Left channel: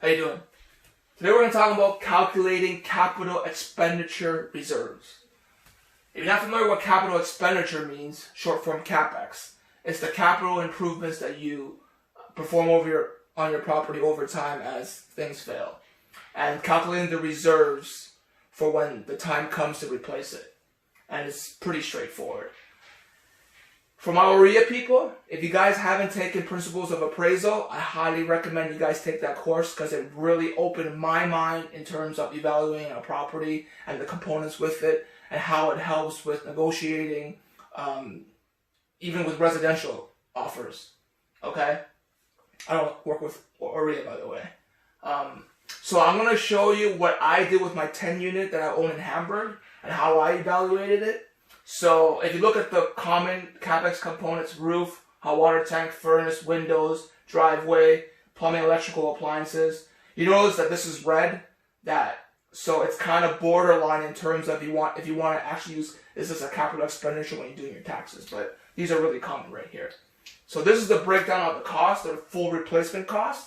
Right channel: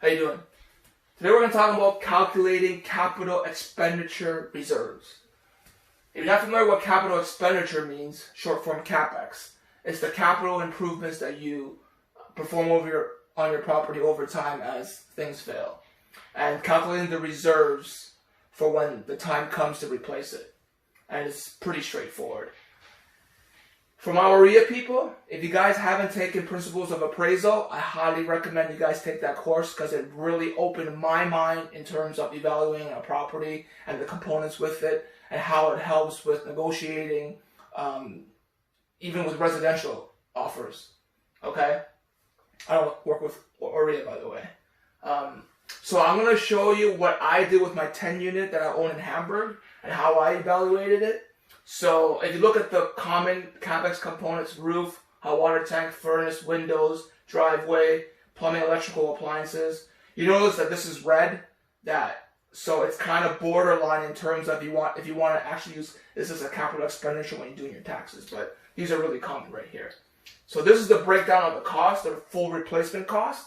How you doing? Today we're going to talk about calculating capital expenditure reserves. If you're not familiar with what capital expenditure means, short form CapEx, it's the capital improvements that you perform on your property over time as things fail. And calculating the reserves for when the time comes to replace it. And it's pretty straightforward. For my OREA people, if you guys haven't taken Principles of Appraisal, I highly recommend you guys take that course because it really opened my mind in terms of evaluating a property and the components with it and how it helps with negotiating, even with residential offers. Okay? I don't work with OREA, by the way. So I'm going to show you what I did with my 10 unit that I own in Hamburg and how I evaluated it. So if you look at the common CapEx components, roof, hot water tank, furnace, windows, driveway, plumbing, electrical appliances, you notice that this is red. So it's kind of borderline in terms of if you want to actually use this as a capital expenditure when you're doing your taxes. But these are really common right here. So this is the breakdown of the cost, the full replacement cost,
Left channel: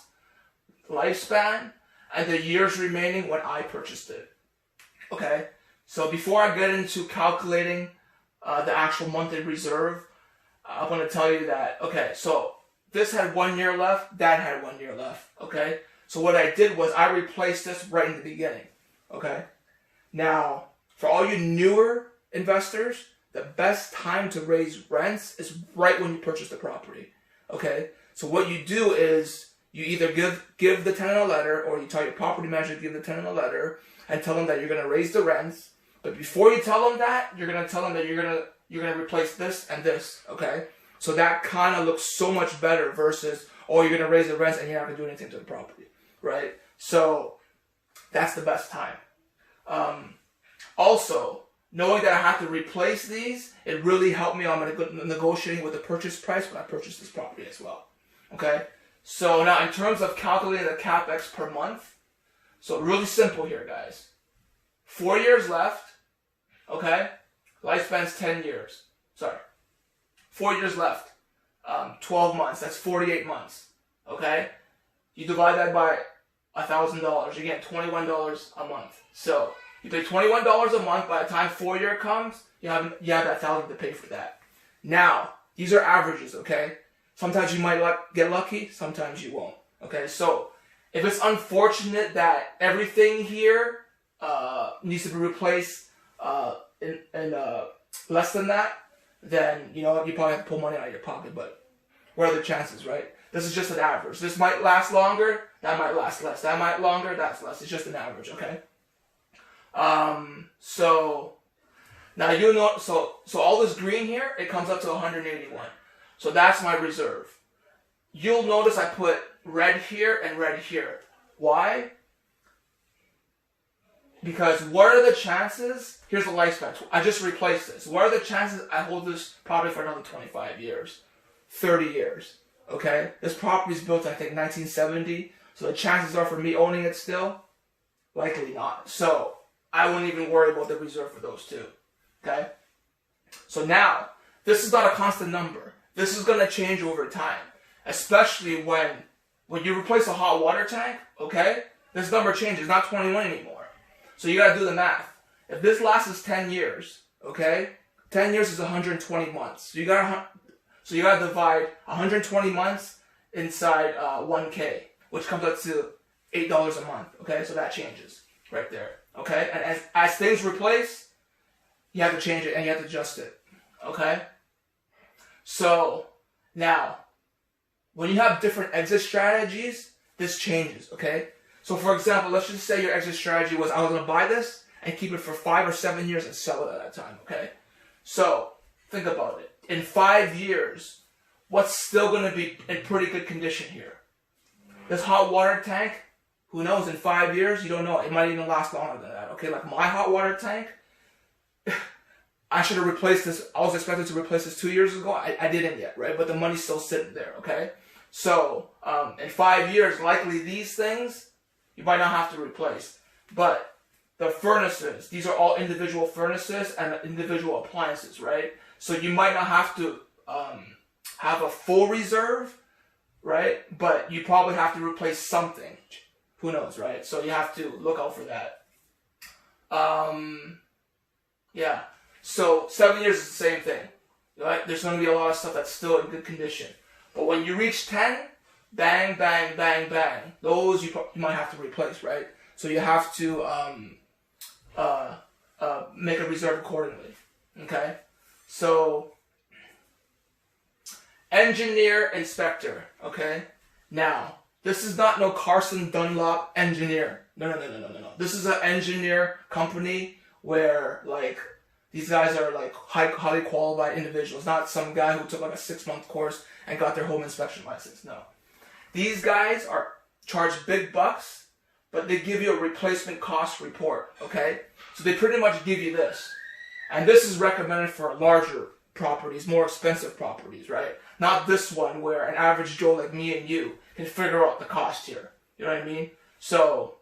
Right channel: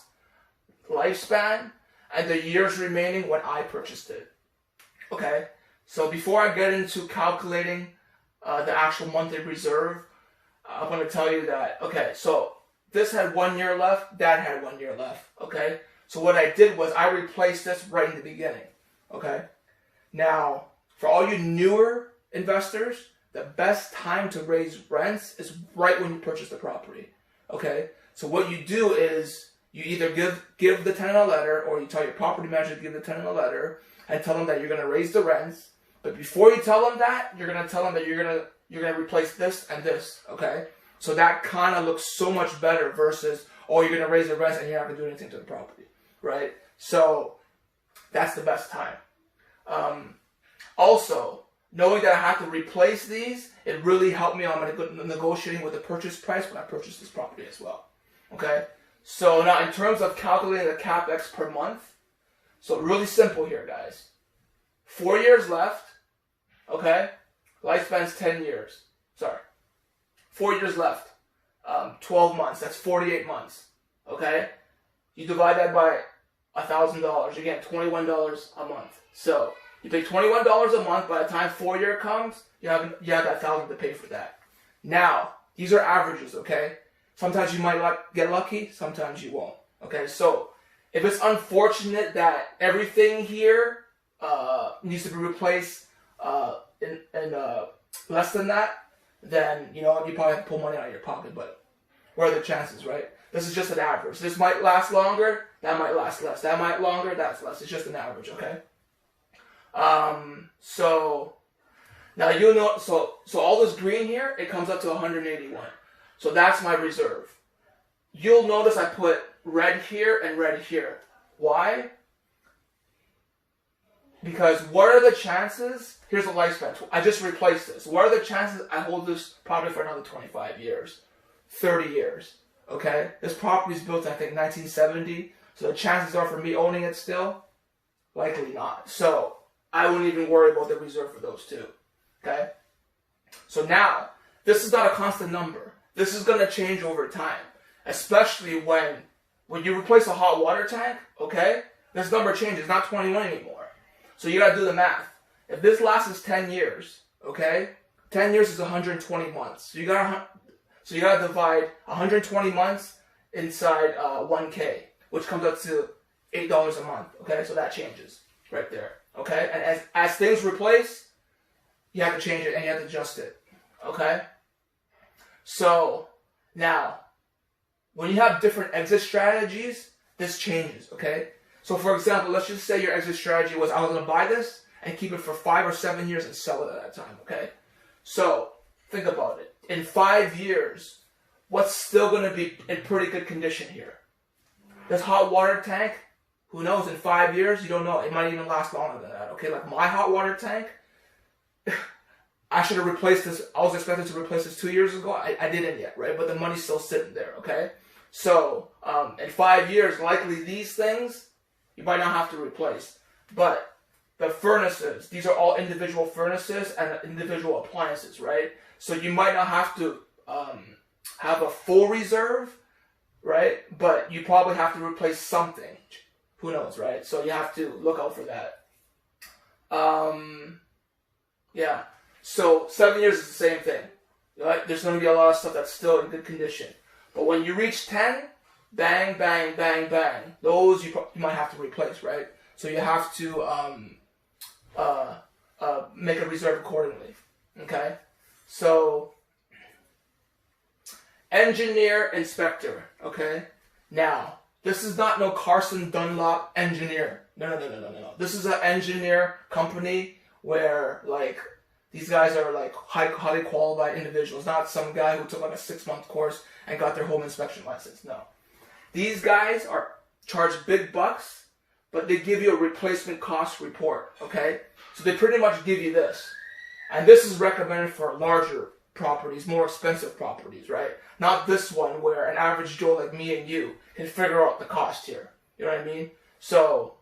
lifespan, and the years remaining when I purchased it. Okay, so before I get into calculating the actual monthly reserve, I'm going to tell you that, okay, so this had 1 year left, that had 1 year left, okay? So what I did was I replaced this right in the beginning, okay? Now, for all you newer investors, the best time to raise rents is right when you purchase the property, okay? So what you do is you either give the tenant a letter, or you tell your property manager to give the tenant a letter and tell them that you're going to raise the rents. But before you tell them that, you're going to tell them that you're going to replace this and this, okay? So that kind of looks so much better versus, oh, you're going to raise the rents and you're not going to do anything to the property, right? So that's the best time. Also, knowing that I have to replace these, it really helped me on my negotiating with the purchase price when I purchased this property as well, okay? So now in terms of calculating the CapEx per month, so really simple here, guys. 4 years left. Okay, lifespan's 10 years. Sorry, 4 years left. 12 months. That's 48 months. Okay, you divide that by $1,000. You get $21 a month. So you pay $21 a month. By the time 4 year comes, you have that $1,000 to pay for that. Now these are averages. Okay, sometimes you might get lucky. Sometimes you won't. Okay, so if it's unfortunate that everything here needs to be replaced in less than that, then you probably have to pull money out of your pocket. But what are the chances, right? This is just an average. This might last longer, that might last less. That might longer, that's less. It's just an average, okay? So now you'll know. So all this green here, it comes up to 181. So that's my reserve. You'll notice I put red here and red here. Why? Because what are the chances? Here's the lifespan. I just replaced this. What are the chances I hold this property for another 25 years, 30 years? Okay, this property is built, I think, 1970. So the chances are for me owning it still, likely not. So I wouldn't even worry about the reserve for those two. Okay. So now this is not a constant number. This is going to change over time, especially when you replace a hot water tank. Okay, this number changes. It's not 21 anymore. So you got to do the math. If this lasts 10 years, okay, 10 years is 120 months. So you got to divide 120 months inside 1K, which comes up to $8 a month. Okay, so that changes right there. Okay, and as things replace, you have to change it and you have to adjust it. Okay. So now, when you have different exit strategies, this changes. Okay. So for example, let's just say your exit strategy was I was going to buy this and keep it for 5 or 7 years and sell it at that time, okay? So think about it. In 5 years, what's still going to be in pretty good condition here? This hot water tank, who knows, in 5 years, you don't know. It might even last longer than that, okay? Like my hot water tank, I should have replaced this. I was expected to replace this 2 years ago. I didn't yet, right? But the money's still sitting there, okay? So in 5 years, likely these things, you might not have to replace. But the furnaces, these are all individual furnaces and individual appliances, right? So you might not have to have a full reserve, right? But you probably have to replace something. who knows, right? So you have to look out for that. Yeah. So 7 years is the same thing, right? There's going to be a lot of stuff that's still in good condition. But when you reach 10, bang, bang, bang, bang. Those you might have to replace, right? So you have to make a reserve accordingly. Okay? So, engineer, inspector. Okay? Now, this is not no Carson Dunlop engineer. No. This is an engineer company where, like, these guys are, like, highly qualified individuals. Not some guy who took, like, a 6-month course and got their home inspection license. No. These guys are charged big bucks, but they give you a replacement cost report, okay? So they pretty much give you this. And this is recommended for larger properties, more expensive properties, right? Not this one where an average Joe like me and you can figure out the cost here. You know what I mean? So,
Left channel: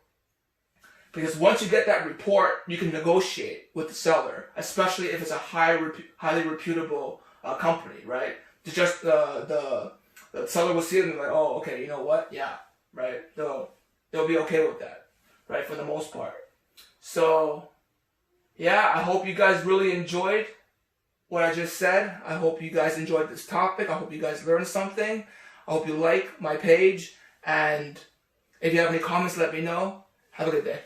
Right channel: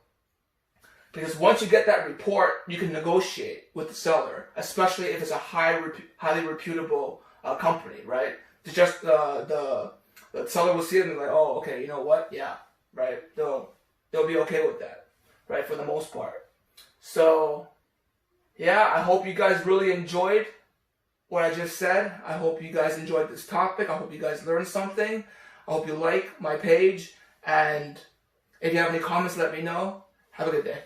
because once you get that report, you can negotiate with the seller, especially if it's a highly reputable company, right? It's just the seller will see it and be like, oh, okay, you know what? Yeah, right? They'll be okay with that, right? For the most part. So, yeah, I hope you guys really enjoyed what I just said. I hope you guys enjoyed this topic. I hope you guys learned something. I hope you like my page. And if you have any comments, let me know. Have a good day.